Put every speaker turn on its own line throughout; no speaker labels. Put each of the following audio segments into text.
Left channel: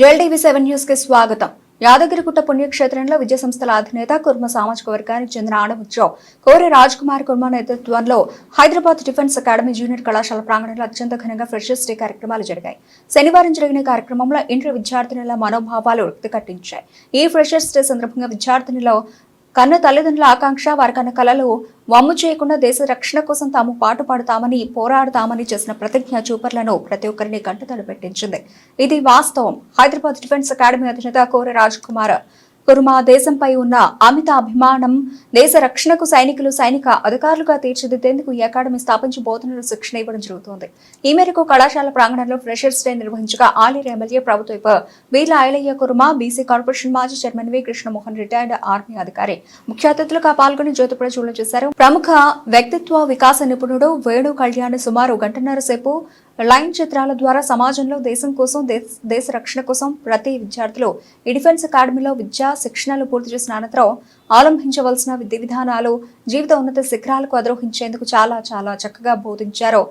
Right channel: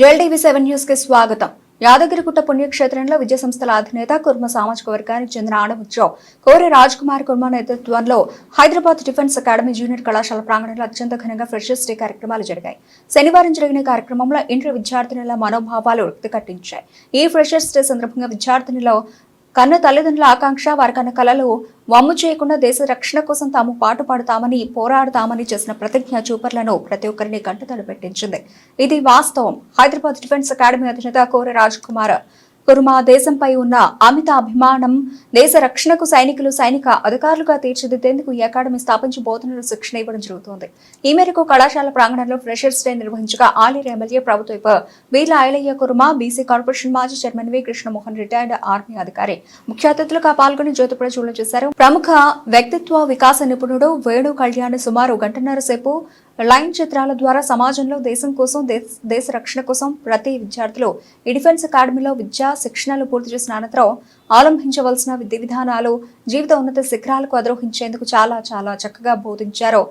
జెల్టీవీ seven న్యూస్కి స్వాగతం. యాదగిరిగుట్ట పుణ్యక్షేత్రంలో విద్యా సంస్థల అధినేత కుర్మ సామాజిక వర్గానికి చెందిన ఆడముత్యం కోరి రాజ్ కుమార్ కుర్మ నేతృత్వంలో హైదరాబాద్ డిఫెన్స్ అకాడమీ జూనియర్ కళాశాల ప్రాంగణంలో అత్యంత ఘనంగా ఫ్రెషర్స్ డే కార్యక్రమాలు జరిగాయి. శనివారం జరిగిన కార్యక్రమంలో ఇంటర్ విద్యార్థినుల మనోభావాలు కట్టించాయి ఈ ఫ్రెషర్స్ డే సందర్భంగా విద్యార్థినుల కన్న తల్లిదండ్రుల ఆకాంక్ష వారి కన్న కలలు వమ్ము చేయకుండా దేశ రక్షణ కోసం తాము పాటుపడతామని పోరాడతామని చేసిన ప్రతిజ్ఞ చూపర్లను ప్రతి ఒక్కరిని కంటతడి పెట్టించింది. ఇది వాస్తవం. హైదరాబాద్ డిఫెన్స్ అకాడమీ అధినేత కోర రాజ్ కుమార్ కుర్మా దేశంపై ఉన్న అమిత అభిమానం దేశ రక్షణకు సైనికులు సైనిక అధికారులుగా తీర్చిదిద్దేందుకు ఈ అకాడమీ స్థాపించి బోధనలు శిక్షణ ఇవ్వడం జరుగుతోంది. ఈ మేరకు కళాశాల ప్రాంగణంలో ఫ్రెషర్స్ డే నిర్వహించగా ఆలేరు ఎమ్మెల్యే ప్రభుత్వ వీల ఐలయ్య కుర్మ బీసీ కార్పొరేషన్ మాజీ chairman V. Krishnamohan retired army అధికారి ముఖ్య అతిథులుగా పాల్గొని జ్యోతి ప్రచురణ చేశారు. ప్రముఖ వ్యక్తిత్వ వికాస నిపుణుడు వేణు కళ్యాణ్ సుమారు గంటన్నర సేపు లైన్ చిత్రాల ద్వారా సమాజంలో దేశం కోసం దేశ- దేశ రక్షణ కోసం ప్రతి విద్యార్థులు ఈ డిఫెన్స్ అకాడమీలో విద్యా శిక్షణలు పూర్తి చేసిన అనంతరం అవలంబించవలసిన విధి విధానాలు జీవిత ఉన్నత శిఖరాలకు అధిరోహించేందుకు చాలా చాలా చక్కగా బోధించారు.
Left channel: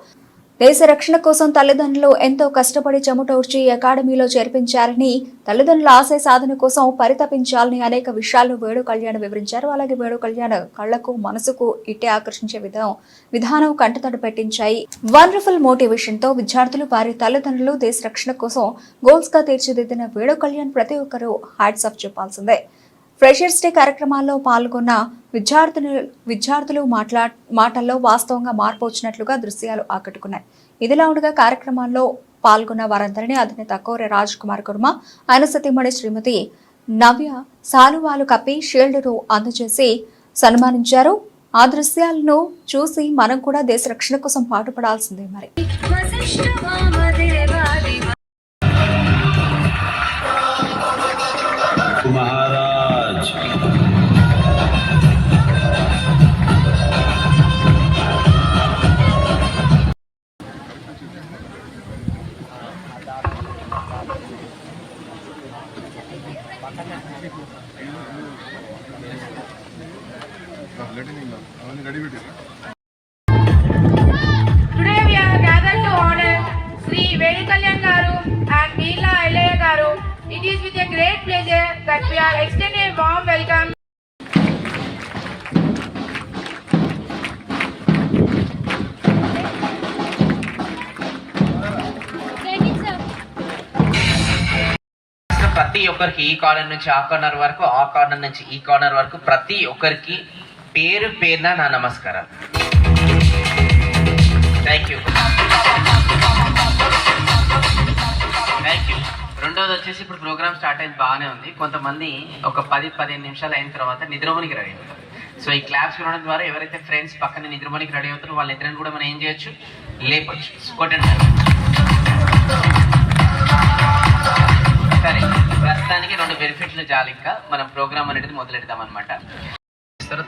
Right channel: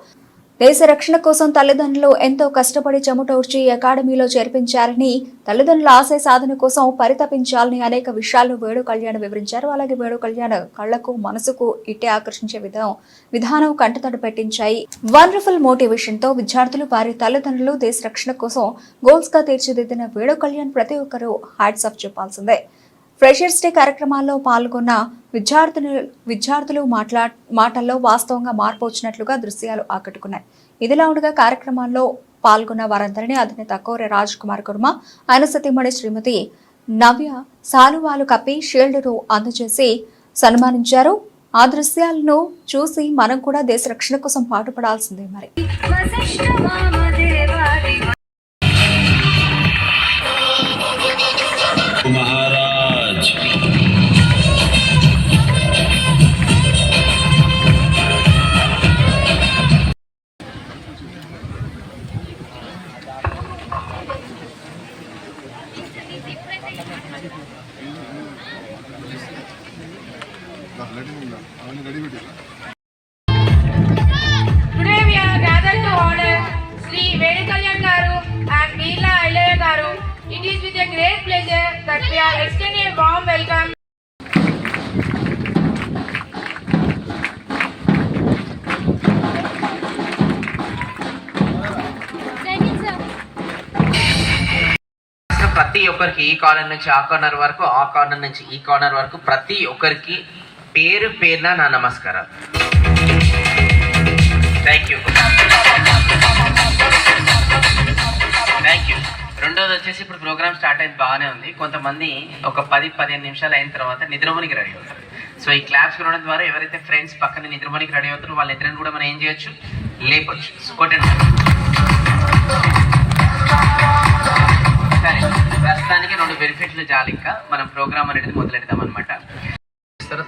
దేశ రక్షణ కోసం తల్లిదండ్రులు ఎంతో కష్టపడి చెమటోర్చి అకాడమీలో చేర్పించారని తల్లిదండ్రుల ఆశయ సాధన కోసం పరితపించాలని అనేక విషయాలను వేణు కళ్యాణ్ వివరించారు. అలాగే వేణు కళ్యాణ్ కళ్ళకు మనసుకు ఇట్టే ఆకర్షించే విధం విధానం కంటతడి పెట్టించాయి. వండర్ఫుల్ మోటివేషన్తో విద్యార్థులు వారి తల్లిదండ్రులు దేశ రక్షణ కోసం గోల్స్గా తీర్చిదిద్దిన వేణు కళ్యాణ్ ప్రతి ఒక్కరూ హ్యాట్స్ ఆఫ్ చెప్పాల్సిందే. ఫ్రెషర్స్ డే కార్యక్రమాల్లో పాల్గొన్న విద్యార్థులు విద్యార్థులు మాట్లా మాటల్లో వాస్తవంగా మార్పు వచ్చినట్లుగా దృశ్యాలు ఆకట్టుకున్నాయి. ఇదిలా ఉండగా కార్యక్రమాల్లో పాల్గొన్న వారందరినీ అధినేత కోరె రాజ్ కుమార్ కుర్మ ఆయన సతీమణి శ్రీమతి నవ్య సాలువాలు కప్పి షీల్డ్ను అందజేసి సన్మానించారు. ఆ దృశ్యాలను చూసి మనం కూడా దేశ రక్షణ కోసం పాటుపడాల్సిందే మరి.
ఒక్కరికి ఈ కార్నర్ నుంచి ఆ కార్నర్ వరకు ఆ కార్నర్ నుంచి ఈ కార్నర్ వరకు ప్రతి ఒక్కరికి పేరు పేరున నా నమస్కారం థ్యాంక్ యూ థ్యాంక్ యూ రెండోది వచ్చేసి ఇప్పుడు ప్రోగ్రామ్ స్టార్ట్ అయింది బాగానే ఉంది. కొంతమంది ఒక పది పదిహేను నిమిషాలు అయిన తర్వాత నిద్రమణికి రెడీ అవుతారు. సో ఈ క్లాప్స్ వినడం ద్వారా ఎవరైతే ఫ్రెండ్స్ పక్కన నిద్రమణికి రెడీ అవుతారో వాళ్ళిద్దరిని కూడా మనం ఏం చేయొచ్చు? లేపొచ్చు. కొట్టండి. సరే ప్రస్తుతానికి రెండు బెనిఫిట్లు చాలు ఇంకా. మనం ప్రోగ్రామ్ అనేది మొదలెడదాం అనమాట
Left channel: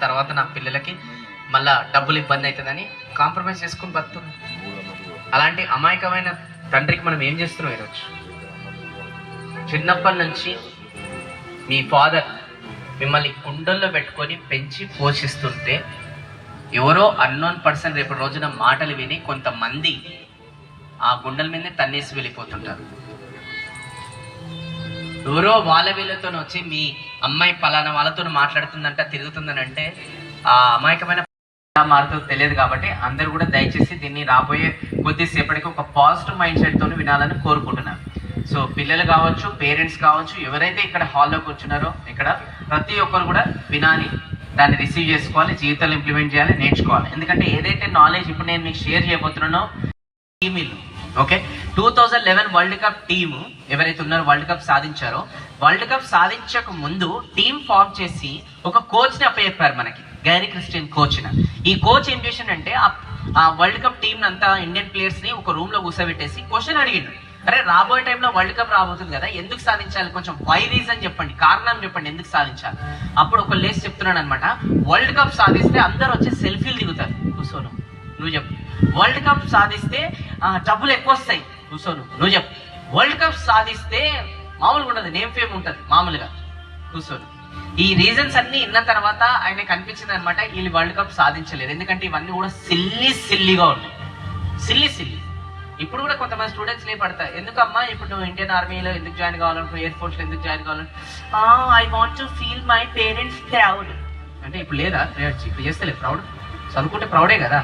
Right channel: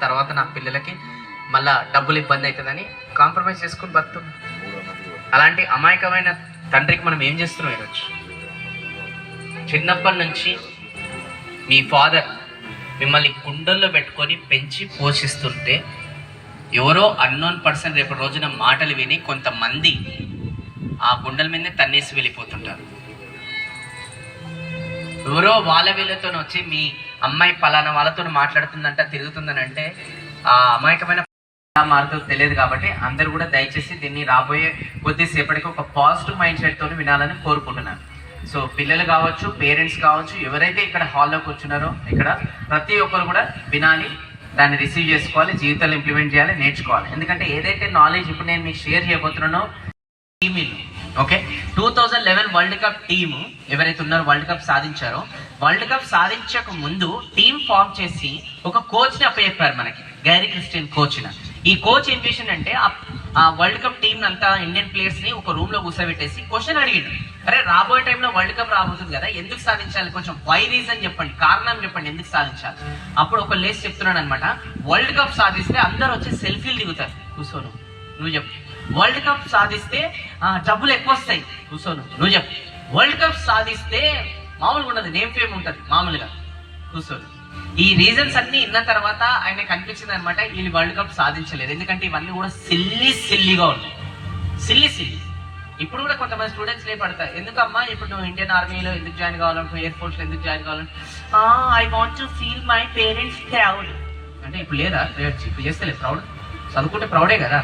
తర్వాత నా పిల్లలకి మళ్ళా డబ్బులు ఇబ్బంది అవుతుందని కాంప్రమైజ్ చేసుకుని బతు అలాంటి అమాయకమైన తండ్రికి మనం ఏం చేస్తున్నాం ఈరోజు? చిన్నప్పటి నుంచి మీ ఫాదర్ మిమ్మల్ని కుండల్లో పెట్టుకొని పెంచి పోషిస్తుంటే ఎవరో అన్నోన్ పర్సన్ రేపు రోజున మాటలు విని కొంతమంది ఆ గుండెల మీదనే తన్నేసి వెళ్ళిపోతుంటారు. ఎవరో వాళ్ళ వీళ్ళతో వచ్చి మీ అమ్మాయి పలానా వాళ్ళతో మాట్లాడుతుందంట తిరుగుతుందని అంటే ఆ అమాయకమైన ఎలా మారుతుందో తెలియదు కాబట్టి అందరు కూడా దయచేసి దీన్ని రాబోయే కొద్దిసేపటికి ఒక పాజిటివ్ మైండ్ సెట్తో వినాలని కోరుకుంటున్నాను. సో పిల్లలు కావచ్చు పేరెంట్స్ కావచ్చు ఎవరైతే ఇక్కడ హాల్లో కూర్చున్నారో ఇక్కడ ప్రతి ఒక్కరు కూడా వినాలి దాన్ని రిసీవ్ చేసుకోవాలి జీవితంలో ఇంప్లిమెంట్ చేయాలి నేర్చుకోవాలి. ఎందుకంటే ఏదైతే నాలెడ్జ్ ఇప్పుడు నేను మీకు share చేయబోతున్నానో email okay? Two thousand eleven world cup team ఎవరైతే ఉన్నారో వరల్డ్ కప్ సాధించారో వరల్డ్ కప్ సాధించక ముందు టీమ్ ఫామ్ చేసి ఒక కోచ్ని అప్పచెప్పారు మనకి గైరీ క్రిస్టియన్ కోచ్ ఈ కోచ్ ఏం చేసిండంటే ఆ- ఆ వరల్డ్ కప్ టీం అంతా ఇండియన్ ప్లేయర్స్ని ఒక రూమ్లో కూర్చోబెట్టేసి క్వశ్చన్ అడిగిండు. అరే రాబోయే టైంలో వరల్డ్ కప్ రాబోతుంది కదా ఎందుకు సాధించాలి? కొంచెం వై రీజన్ చెప్పండి కారణం చెప్పండి ఎందుకు సాధించాలి? అప్పుడు ఒక లేస్ చెప్తున్నాడు అనమాట వరల్డ్ కప్ సాధిస్తే అందరూ వచ్చి సెల్ఫీలు దిగుతారు. కూర్చోను నువ్వు చెప్పు. వరల్డ్ కప్ సాధిస్తే ఆ, డబ్బులు ఎక్కువ వస్తాయి. కూర్చోను నువ్వు చెప్పు. వరల్డ్ కప్ సాధిస్తే మామూలుగా ఉండదు నేమ్ ఫేమ్ ఉంటుంది మామూలుగా. కూర్చోను ఈ రీజన్స్ అన్ని విన్న తర్వాత ఆయన కనిపించింది అనమాట వీళ్ళు వరల్డ్ కప్ సాధించలేదు ఎందుకంటే ఇవన్నీ కూడా సిల్లి సిల్లిగా ఉన్నాయి. సిల్లి సిల్లి ఇప్పుడు కూడా కొంతమంది స్టూడెంట్స్ లే పడతారు. ఎందుకమ్మా ఇప్పుడు నువ్వు ఇండియన్ ఆర్మీలో ఎందుకు జాయిన్ కావాలంటే ఎయిర్ ఫోర్స్లో ఎందుకు జాయిన్ కావాలంటే I want to feel my parents proud అంటే ఇప్పుడు లేదా ఇప్పుడు చేస్తలేదు ప్రౌడ్ చదువుకుంటే ప్రౌడే కదా.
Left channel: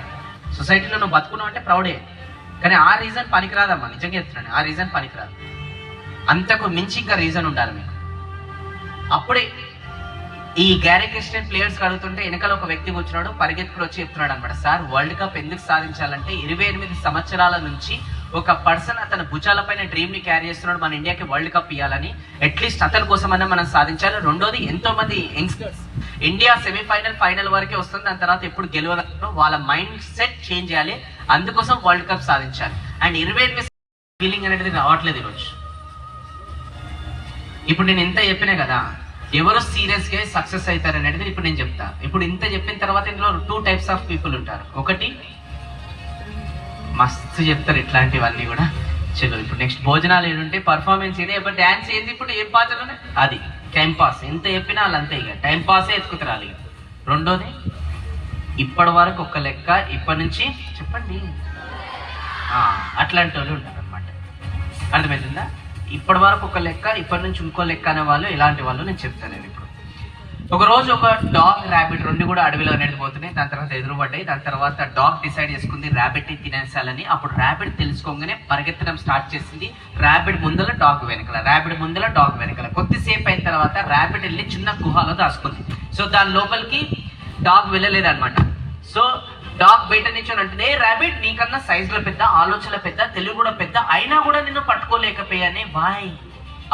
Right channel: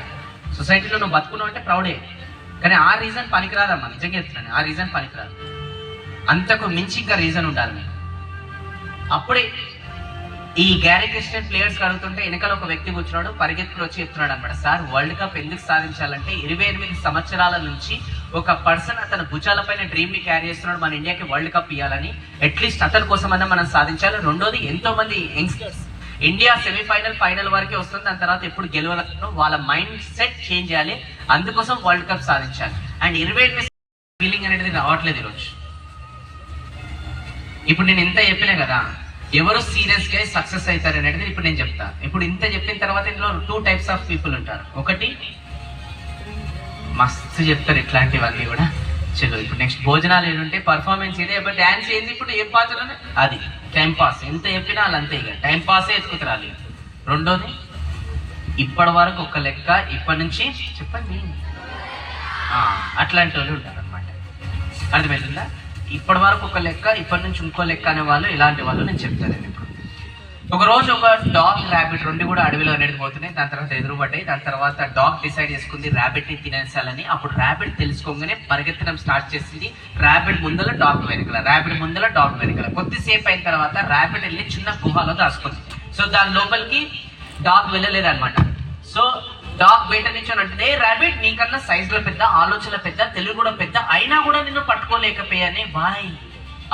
సొసైటీలో నువ్వు బతుకున్నావు అంటే ప్రౌడే. కానీ ఆ రీజన్ పనికిరాదమ్మా నిజంగా చెప్తున్నాను. ఆ రీజన్ పనికిరాదు. అంతకు మించి ఇంకా రీజన్ ఉండాలి మీకు. అప్పుడే ఈ గ్యారీ క్రిస్టియన్ ప్లేయర్స్ అడుగుతుంటే వెనకాల ఒక వ్యక్తి కూర్చున్నాడు పరిగెత్తుకుని వచ్చి చెప్తున్నాడు అనమాట సార్ వరల్డ్ కప్ ఎందుకు సాధించాలంటే ఇరవై ఎనిమిది సంవత్సరాల నుంచి ఒక పర్సన్ అతని భుజాలపైన డ్రీమ్ని క్యారీ చేస్తున్నాడు మన ఇండియాకి వరల్డ్ కప్ ఇవ్వాలని అట్లీస్ట్ అతని కోసమన్నా మనం సాధించాలి. రెండోది ఎంతో మంది యంగ్స్టర్స్ ఇండియా సెమీఫైనల్ ఫైనల్ వరకే వస్తుంది. దాని తర్వాత ఎప్పుడు గెలవగలరు వాళ్ళ మైండ్ సెట్ చేంజ్ చేయాలి. అందుకోసం వరల్డ్ కప్ సాధించాలి. అండ్ ఇరవై ఎనిమిది ఫీలింగ్ అనేది రావట్లేదు ఈరోజు. ఇప్పుడు నేను ఎంత చెప్పినా కదా ఎవరు సీరియస్గా సక్సెస్ అవుతారు అనేది ఇప్పుడు నేను చెప్తా. ఇప్పుడు ఇంత చెప్పిన తర్వాత ఇందులో టూ టైప్స్ ఆఫ్ పీపుల్ ఉంటారు. ఒకటి మస్తు చెప్తారు ఇట్లాంటివన్నీ కూడా. చలో ఇప్పుడు నెక్స్ట్ భోజనాలు ఏంటంటే పర్ఫార్మెన్స్ ఇదే ఇప్పుడు డాన్స్ ఏంది ఇప్పుడు ఏం పాత్ర అది. టైం పాస్ ఎంత చెప్పినా వాళ్ళు అంతే ఇక. టైం పాసే ఎత్తుకుతారు రెండోది ఇప్పటి వరకు ఒక లెక్క ఇప్పటి నుంచి చెప్పండి. అట్లాంటి వాళ్ళు ఉంటారు అనమాట అర్థమవుతుందా ఇప్పటి వరకు ఒక లెక్క ఇప్పటి నుంచి ఇంకో లెక్క అనే వాళ్ళు ఇలాంటి వాళ్ళు నేను చెప్తాను నేను ఒక రోజు ఒక డాగ్ ర్యాబిట్ రెండు కూడా అడవిలో అనేది పోతున్నాయి. దాని తర్వాత ఎదురుపడ్డాయి. దాని తర్వాత డాగ్ డిసైడ్ చేసుకుంది ర్యాబిట్ని తినేసాలని. అప్పుడు ర్యాబిట్ తెలుసుకోగానే పరిగెత్తడం స్టార్ట్ చేసింది. ర్యాబిట్ ముందల డాగ్ వెనకల ర్యాబిట్ ముందల డాగ్ వెనకల. కొద్దిసేపు అయిన తర్వాత ర్యాబిట్ వెళ్ళి చిన్న గుహలో దాచుకుంది. సో దాని లోపలికి డాగ్ వెళ్ళలేదు అనమాట సో డాగ్ బయట నుంచి అంటే ర్యాబిట్ నీకన్నా సైజ్లో పెద్ద ఆలోచన పెద్ద తెలుగు కూడా పెద్ద అయినా కూడా నిన్ను పట్టుకోలేకపోయానే? బాయ్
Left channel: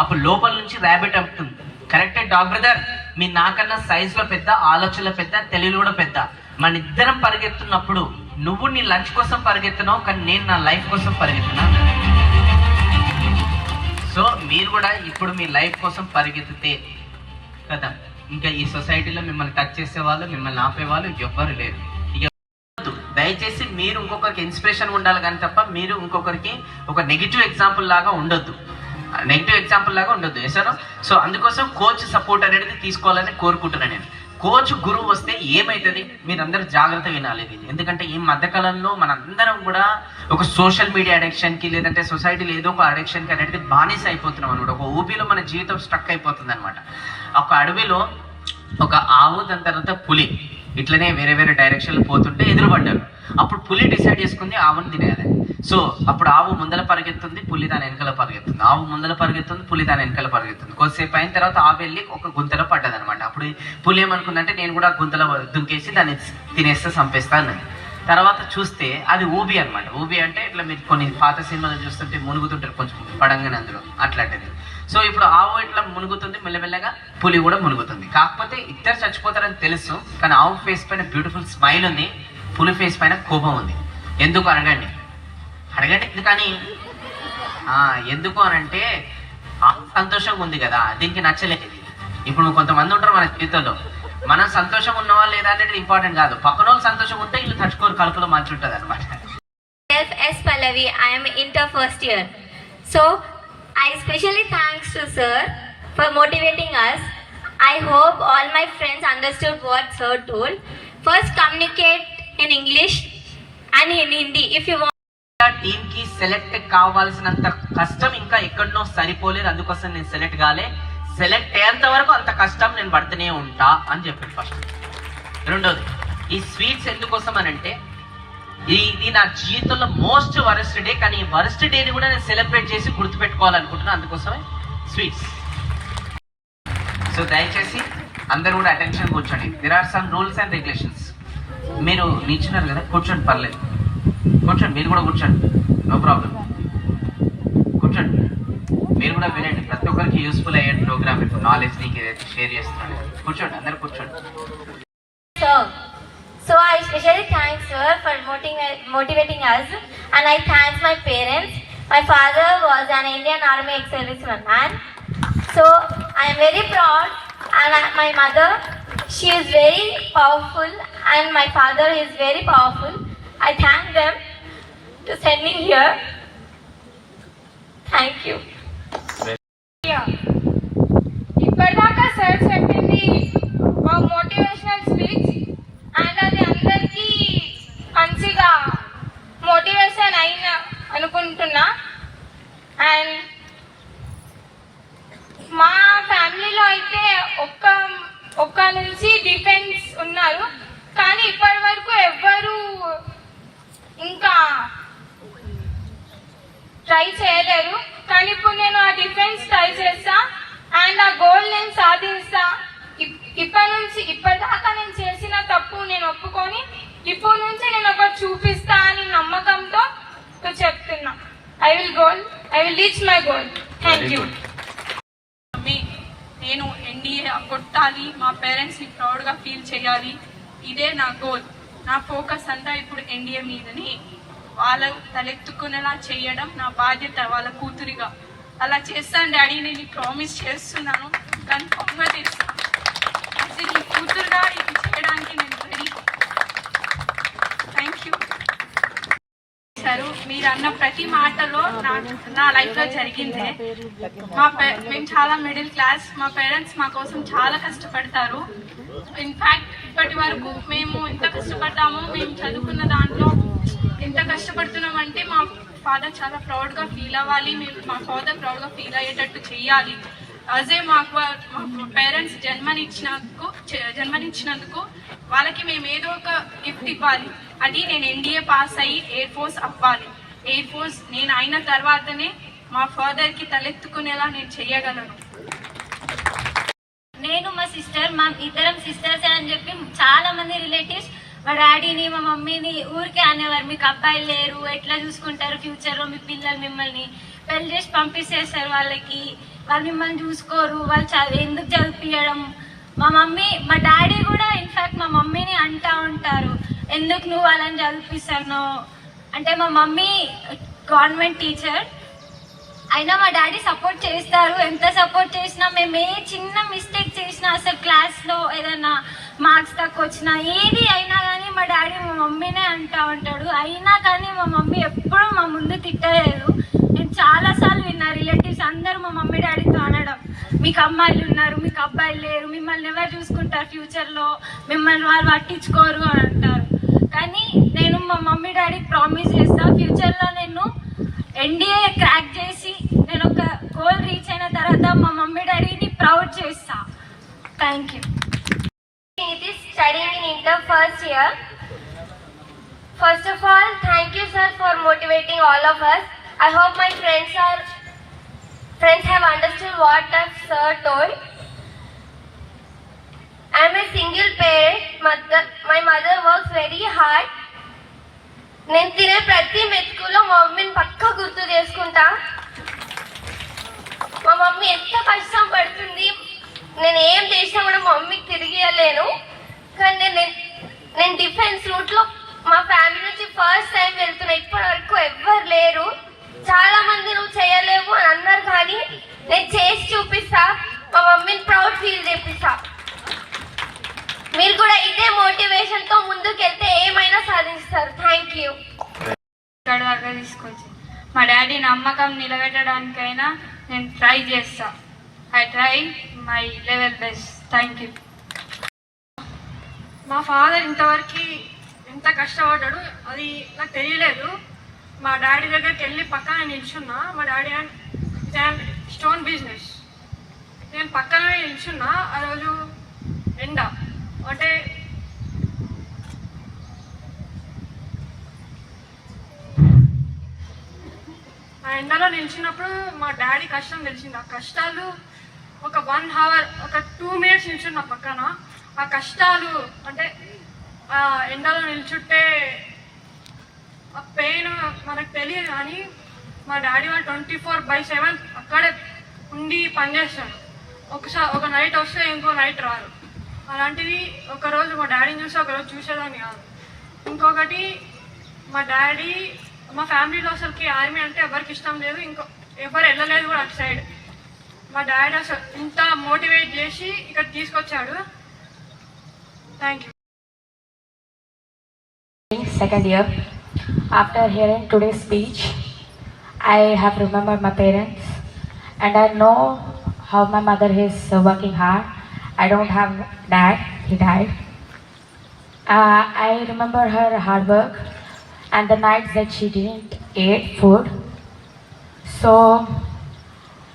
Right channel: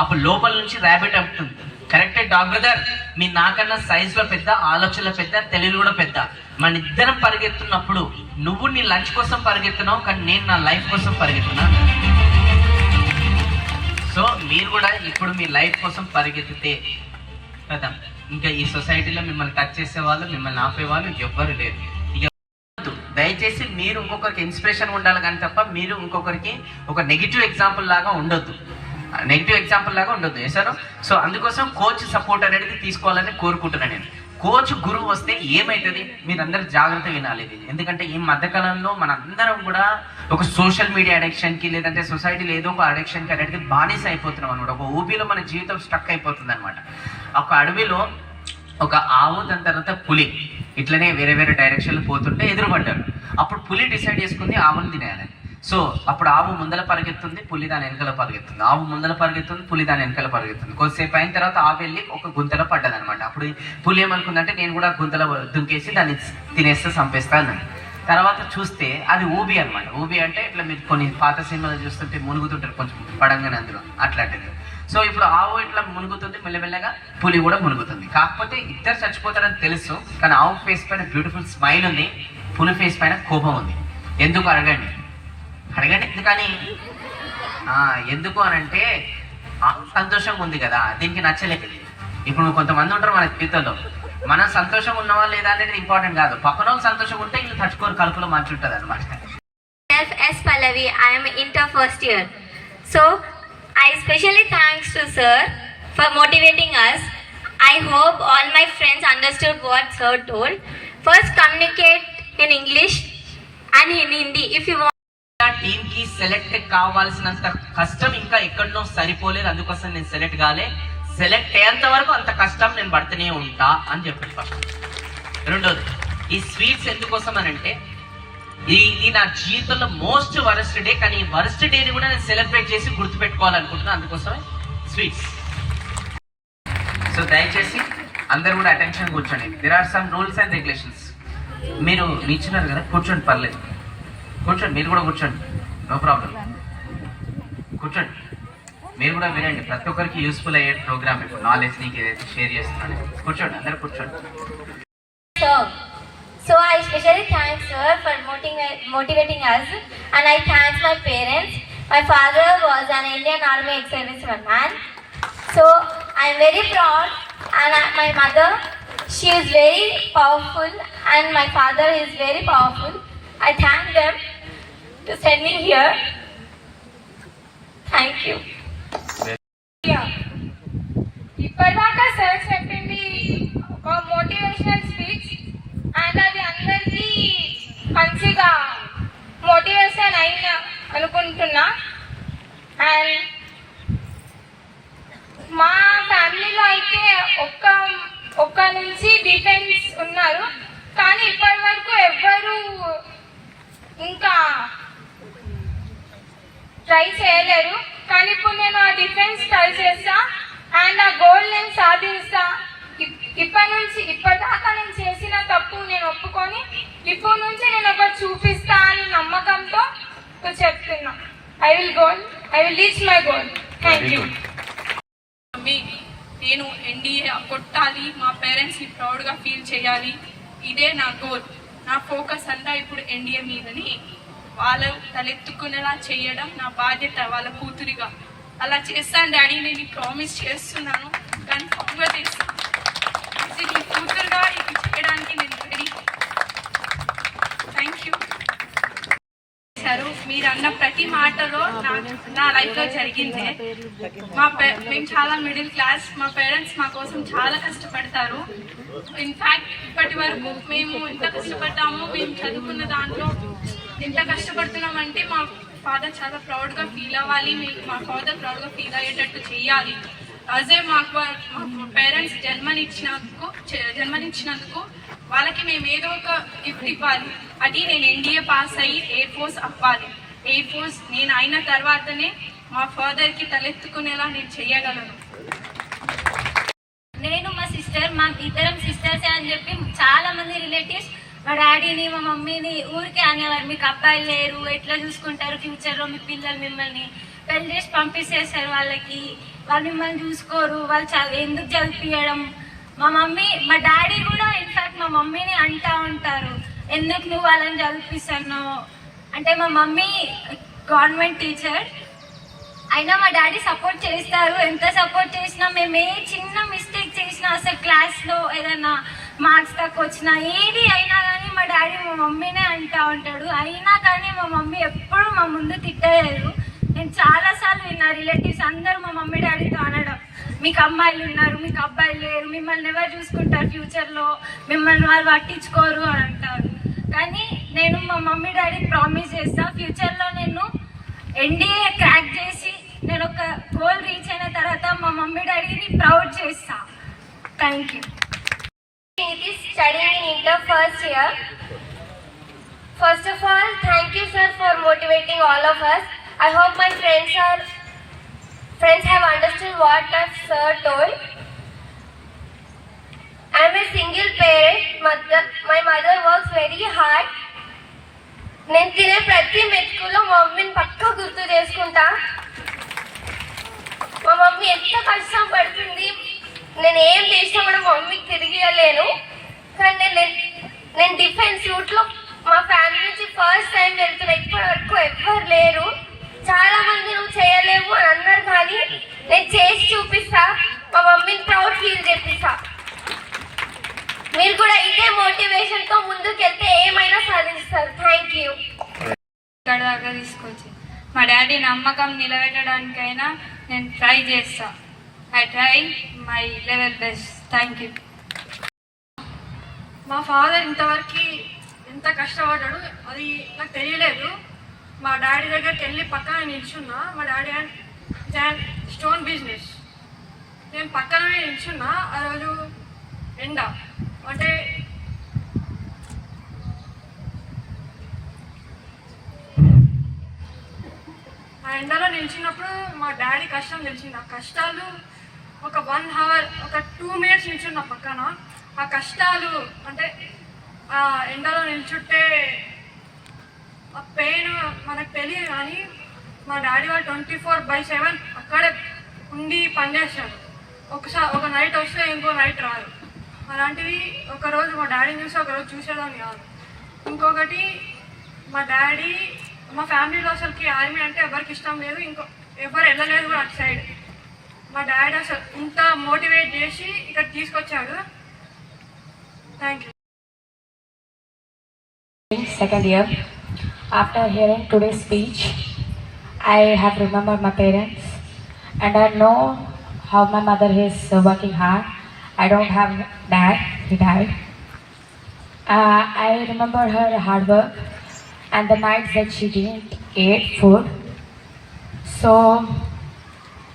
అప్పుడు లోపల నుంచి ర్యాబిట్ అంటుంది కరెక్టే డాక్టర్ బ్రదర్. మీ నాకన్నా సైజ్లో పెద్ద ఆలోచనలో పెద్ద తెలుగు కూడా పెద్ద. మన ఇద్దరం పరిగెత్తున్నప్పుడు నువ్వు నీ లంచ్ కోసం పరిగెత్తున్నావు కానీ నేను నా లైఫ్ కోసం పరిగెత్తున్నాను సో మీరు కూడా ఇప్పుడు మీ లైఫ్ కోసం పరిగెత్తితే కదా ఇంకా ఈ సొసైటీలో మిమ్మల్ని టచ్ చేసే వాళ్ళు మిమ్మల్ని ఆపే వాళ్ళు ఎవ్వరు లేరు. దయచేసి మీరు ఇంకొకరికి ఇన్స్పిరేషన్ ఉండాలి కానీ తప్ప మీరు ఇంకొకరికి ఒక నెగిటివ్ ఎగ్జాంపుల్ లాగా ఉండొద్దు. నెగిటివ్ ఎగ్జాంపుల్ లాగా ఉండొద్దు వేసాను సో అందుకోసం కోచ్ సపోర్ట్ అనేది తీసుకోవాలని కోరుకుంటున్నాను నేను. కోచ్ గురువు వస్తే ఏమవుతుంది మీరందరూ జాగ్రత్త వినాలి ఇది. ఎందుకంటే ఈ మధ్యకాలంలో మనందరం కూడా ఒక సోషల్ మీడియా అడిక్షన్కి లేదంటే సొసైటీలో ఏదో ఒక అడిక్షన్కి అనేది బానిస అయిపోతున్నాం అనమాట ఒక ఊబీలో మన జీవితం స్ట్రక్ అయిపోతుంది అనమాట ఒక అడవిలో ఒక ఆవు దాని తర్వాత పులి. ఇట్లనే వేరే వేరే డైరెక్షన్లు పోతుంటే ఎదురుపడ్డారు. అప్పుడు పులి డిసైడ్ చేసుకుంది ఆవుని తినేయాలి. సో అప్పుడు ఆవు ముందల పరిగెత్తుంది పులి దాని వెనకాల పరిగెత్తుంది. ఆవు ముందల పరిగెత్తుంది పులి దాని వెనకాల పరిగెత్తుంది. కొద్దిసేపు అయిన తర్వాత ఆవు వెళ్ళి ఒక గుంతలో పడ్డది అనమాట అప్పుడు పులి ఏమనుకుందంటే నేను కూడా గుంతలో దుంకేసి దాన్ని తినేస్తే చంపేస్తా అన్నది. తర్వాత చూస్తే అది ఊబి అనమాట ఊబి అంటే ఇట్లా మీరు కొన్ని పాత సినిమాలు చూస్తుంటే మునుగుతుంటారు కొంచెం పడంగానే అందులో. అట్లాంటిది. సో ఇప్పుడు ఆవు ఇట్లా మునుగుతుంది? మెల్లమెల్లగా పులి కూడా మునుగుతుంది. కాకపోతే ఇద్దరు చచ్చిపోతారని తెలుసు కానీ ఆవు ఫేస్ పైన బ్యూటిఫుల్ స్మైల్ ఉంది పులి ఫేస్ పైన కోపం ఉంది. ఎందుకు అడగండి? అడగండి ఎందుకని? ఆ, ఎందుకు అని అంటే ఆవు సంతోషంగా ఉంది కదా దీనికి నచ్చలేదు. ఇప్పుడు కొంతమంది ఉంటారు మన జీవితంలో. మనం సంతోషం ఉన్నవా లేదా అనేది ఇంపార్టెంట్ కాదు. పక్కన వాళ్ళు సంతోషం ఉంటే ఇల్లు తట్టుకోరు కలుపులో మంచి ఉంటుంది అనమాట
S Pallavi I'm inter first year so I specially thanks to sir for motivating us I hope all my friends understand what sir told first communicate in English and in Hindi if
you టీమ్కి select కావాల్సినంత కష్టం ఇంకా ఎక్కడో సరిపోలేదు. అందుకోసం నేను select కాలే. Select అయ్యేంత వరకు అంత కష్టం నేను పడుతూనే ఉంటా అని చెప్పి రెండోది ఈ స్వీట్స్ ఎందుకోసం అని అంటే ఇది నా జీవితంలో మోస్ట్ వరస్ట్ డే కానీ ఈ వరస్ట్ డేని కూడా నేను సెలబ్రేట్ చేసి గుర్తుపెట్టుకోవాలనుకుంటున్నాను. అందుకోసమే స్వీట్స్. సో దయచేసి అందరూ కూడా అటెన్షన్ కూర్చోండి. There are some rules and regulations మీరు నిల్చున్నారు కదా కూర్చోండి పర్లేదు. కూర్చోండి మీరు కూడా కూర్చోండి. నో ప్రాబ్లం కూర్చోండి. మీరు కూడా వినండి. ప్రతి ఒక్కరికి యూస్ఫుల్ అయ్యే ప్రోగ్రామ్ ఇప్పుడు నాలెడ్జ్ నీకు షేర్ చేస్తున్నాడు. కూర్చోండి అందరు కూర్చోండి.
Motivating, us and I thank my parents. My father was an Indian Army ex-serviceman man. So I'm very proud and I, my mother, she is very powerful and my father is very powerful. I thank them to send me here. Thank you.
Will goal I will reach my goal thank you
నేను NDA కొట్టాలి. మా పేరెంట్స్ని ప్రౌడ్గా feel చేయాలి. ఇదే నా goal నా focus అంతా ఇప్పుడు ఎన్డీఏ మీదని. వాళ్ళ తలెత్తుకునేలా చేయడం నా బాధ్యత వాళ్ళ కూతురిగా. అలా చేస్తాను డాడీ. నేను ప్రామిస్ చేస్తున్నాను. కన్ఫామ్గా చేస్తాను చేశారు. మీరు అన్న ప్రతి మాటలో నా- నా లైఫ్లో జరిగిందే. మా పే- మేము చాలా మిడిల్ క్లాస్. మా పేరెంట్స్ మా కోసం చాలా కష్టపడతారు. ఇన్ఫాక్ట్ ఇప్పటి వరకు మేము ఎంత కష్టపడ్డామో. మేము చదువుకున్న దాంట్లో ఎంత కష్టపడుతున్నామంటే మా ఫాదర్ చాలా ప్రౌడ్గా ఫీల్ అవ్వాలి. మేము మా ఫాదర్ ప్రౌడ్గా ఫీల్ అయ్యేటట్టు చేయాలి. అజే మాకు మా పేరెంట్స్ జన్మనిచ్చినందుకు జన్మనిచ్చినందుకు వాళ్ళకి మేము ఏదో ఒక గిఫ్ట్ ఇవ్వాలి. అది నేను ఎన్డీఏ పాస్ అయ్యి ఎయిర్ ఫోర్స్ అవ్వాలి. ఎయిర్ ఫోర్స్ నేను అయిన తర్వాతనే మా ఫాదర్కి తలెత్తుకునేలా నేను చెయ్యగలను.
నేను మా సిస్టర్ మా ఇద్దరం సిస్టర్స్ అని చెప్పి చాలా మంది రిలేటివ్స్ మా డాడీని మా మమ్మీని ఊరికే అనేవారు. మీకు అబ్బాయిలు లేరు ఎట్లా చూసుకుంటారు ఫ్యూచర్లో మీ పిల్లలు మిమ్మల్ని? పెళ్ళి చేసి పంపిస్తేసారు వాళ్ళకి. వాళ్ళు మిమ్మల్ని చూసుకోరు వాళ్ళు చదువు ఎందుకు చదివించడం మా మమ్మీ మా డాడీ కూడా ఇన్ఫాక్ట్ మా మమ్మీని అంటా ఉంటారు. ఎందుకు నువ్వు వాళ్ళని చదివిస్తాను అంటే మా మమ్మీ గవర్నమెంట్ టీచర్. అయినా మా డాడీ సపోర్ట్ చేస్తారు. ఎంత సపోర్ట్ చేసినా మేము ఏ చిన్న మిస్టేక్ చేసినా అసలు క్లాస్లో ఏదైనా మార్క్స్ తక్కువ వచ్చినా ఏది అయినా కానీ మా డాడీ మా మమ్మీనే అంటా ఉంటాడు. అయినా కానీ మా మమ్మీ ఎప్పుడూ మా ముందు తిట్టలేదు. నేను చాలాసార్లు విన్నా రిలేటివ్స్ అందరూ మా మమ్మీ డాడీతో అనడం మీకు అమ్మాయిలు ఉన్నారు మీకు అబ్బాయిలు లేరు మిమ్మల్ని ఎవరు చూసుకుంటారు ఫ్యూచర్లో? మిమ్మల్ని వాళ్ళు పట్టించుకోరు అని అంటారు. కానీ నేను మా మమ్మీ డాడీ ప్రామిస్ చేస్తా. ఫ్యూచర్లో నేను ఎన్డీఏ క్రాక్ చేసి నేను ఒక గోల్ రీచ్ అయిన తర్వాత మా మమ్మీ డాడీని ప్రౌడ్ చేస్తా. Thank you.
Study in the first year. First of all thank you sir for motivating all of us I hope my friends are friends have understood what of sir told I am a single parent. Mother, my mother works very hard. నేను తినే ప్రతి మెతుకులో మా మమ్మీని పక్క గుర్తు చేసుకుంటా. మా mummy ఎంత కష్టం పడుతుంది. నేను ఏం చేసినా కూడా మా మమ్మీకి తిరిగి ఇవ్వలేను కానీ నేను నేను డిఫెన్స్ రూట్లో మా ఫ్యామిలీ నుంచి ఫస్ట్ టైం వెళ్తున్నా. ఇప్పటి వరకు ఎవ్వరు లేరు. చాలా మంది నువ్వు చేయలేవు అని అన్నారు కానీ నేను చేసి చూపిస్తా. మా మమ్మీని ప్రౌడ్ ఫీల్ చేపిస్తా. మీరు కూడా ఇదే మోటివేషన్తో ముందుకెళ్తే ఏమైనా సాధిస్తారు. థ్యాంక్ యూ
ఇక్కడ దాకా తీసుకొచ్చి. మా డాడీ నమ్మకం నిలబెట్టడానికైనా నేను ట్రై చేస్తా. I try my level best thank you మా ఫాదర్ ఇంతవరకు ఎంత కష్టపడ్డాడు అది నాకు తెలియలేదు. మా డాడీ దగ్గరికి వెళ్ళి పక్కన నిల్చున్నా. మా డాడీ అండ్ స్టోన్ బిజినెస్. నేను పక్కనే నిల్చున్నా. ఆ రోజు ఎండ. అంటే ఆ ఎండలో నిలిచినప్పుడు మా డాడీ కష్టం తెలిసింది. ఆ కష్టాలు ఒక వన్ అవర్ ఒక టూ మినిట్స్ నిల్చున్న పక్కన. ఆ కష్టాలు అంటే ఆ ఎండలో నిల్చుంటే ఆ పెయిన్ మనకు తెలియదు కానీ మా డాడీ వాళ్ళు ట్వంటీ ఫోర్ బై సెవెన్ అక్కడే ఉండి పనిచేస్తారు ఒకసారి ఒక నైట్ వస్తే ఇంకో నైట్ రారు అలాంటివి ఒకరోజు మా డాడీని చూసి ఒకరోజు చూసేదాన్ని కాదు. ఇంకొకటి మా డాడీ మా ఫ్యామిలీలో అసలుకి ఆర్మీ అంటే ఎవరికి ఇష్టం లేదు ఇంకో ఎవరు వెళ్ళలేదు కూడా అటు సైడ్ మా డాడీ అసలు ఇంత మోటివేట్ చేసి ఇక్కడ తీసుకొచ్చాడు. Thank you
second year after hearing today speech I have remember my parents and I know how my mother he's working hard. I don't have dad, he died. Uh, I remember her hard work and the nights that she didn't eat food. So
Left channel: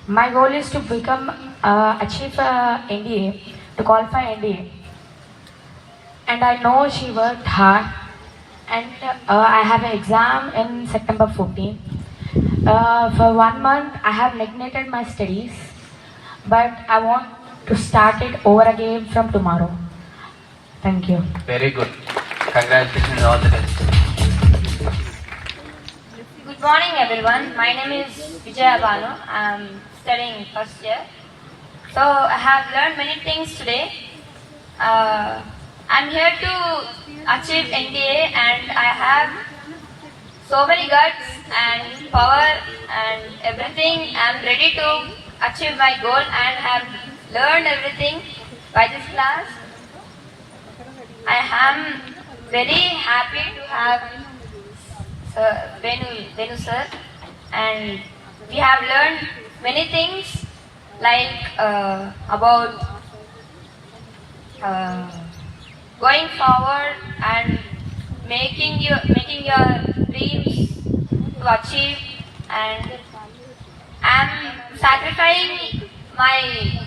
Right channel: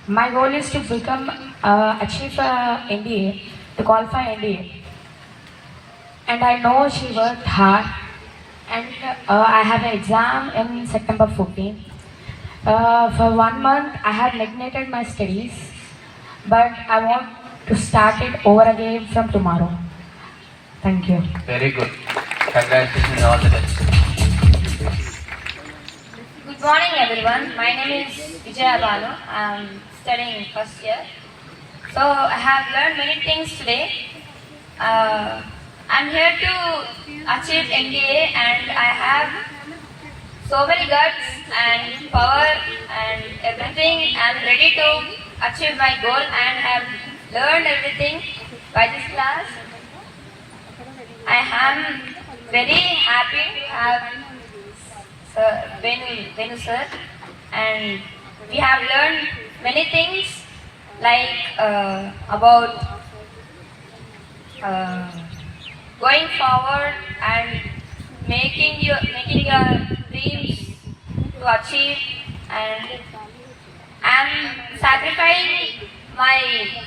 my goal is to become, uh, achieve uh, NDA, to qualify NDA. and I know she worked hard. And uh, I have an exam in September 14th. Uh, for one month, I have neglected my studies, but I want to start it over again from tomorrow. Thank you.
Very good. Congratulations, all the best.
Good morning, everyone. My name is Vijaya Balu. I'm studying first year. So I have learned many things today. Uh, I'm here to achieve NDA and I have so many guts and power and everything. I'm ready to achieve my goal and I'm learned everything by this class. I am very happy to have Sir Venu, Venu sir, and we have learned many things like uh, about uh, going forward and making your making your dreams to achieve and I'm sacrificing my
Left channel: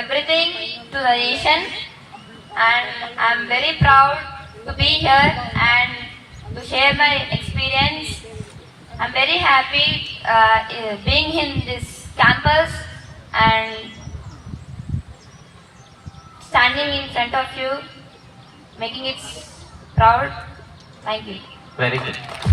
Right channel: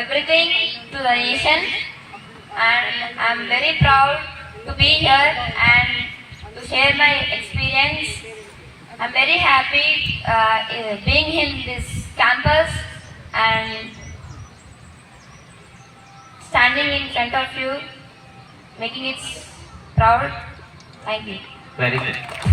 everything to the nation and I'm very proud to be here and to share my experience. I'm very happy uh, eh, being in this campus and standing in front of you, making it proud. Thank you.
Very good.